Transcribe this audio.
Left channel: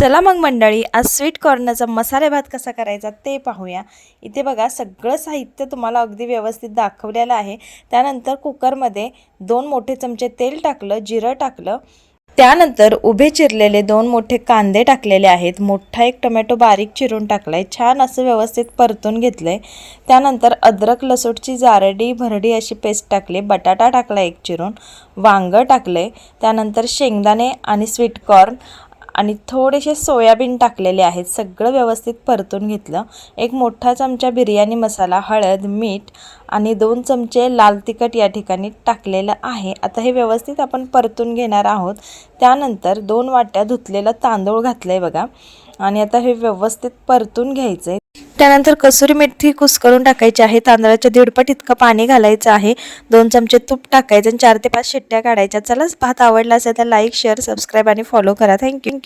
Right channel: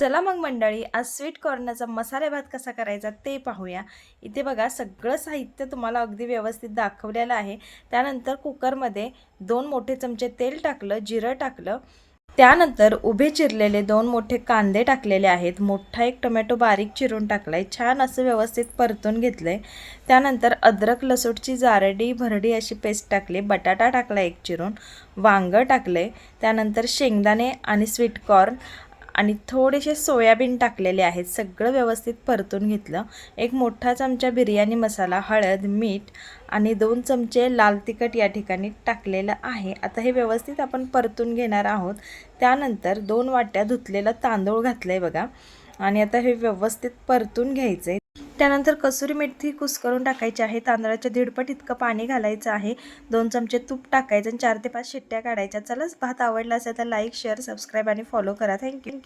चला मग मंडळी, आज स्वीट कॉर्नचा मसाले भात कसा करायचा ते पाहूया। इथे बघा सगळं साहित्य तुम्हाला अगदी व्यवस्थित दाखवलेलं आहे। त्यानंतर कुकरमध्ये 2 मोठे चमचे तेल टाकलं, जिरं टाकलं, त्यानंतर उभे चिरलेले 2 मोठे कांदे टाकलेले आहेत, मोठा एक टोमॅटो बारीक चिरून टाकलाय, छान असं व्यवस्थित परतून घेतलंय। त्यानंतर अद्रक लसूणची जारडी भरडी अशी पेस्ट टाकली, बटाटा टाकला एक चिरून, वांग टाकले, त्यानंतर शेंगदाणे आणि स्वीट कॉर्न आणि थोडेसे सोयाबीन टाकलेले आहेत। सगळं व्यवस्थित परतून घेतलं। एक मोठा चमचा बिर्याणी मसाला, हळद, मीठ आणि 2 चमचे लाल तिखट या ठिकाणी टाकलेलं आहे। आता हे व्यवस्थित आपण परतून घेणार आहोत। त्यानंतर 2 वाट्या धुतलेलं तांदूळ घातलंय बघा आणि आता हे व्यवस्थित परतून घ्यायचंय। त्यानंतर कसुरी मेथी कुस्करून टाकायची आहे, तांदळाच्या 1.5 पट इतकं पाणी घालायचं आहे, 2 चमचे तूप टाकायचं आणि 4 ते 5 शिट्ट्या काढायच्या। चला भात आवडला असेल तर लाईक, शेअर, सबस्क्राईब आणि फॉलो करा। थँक्यू।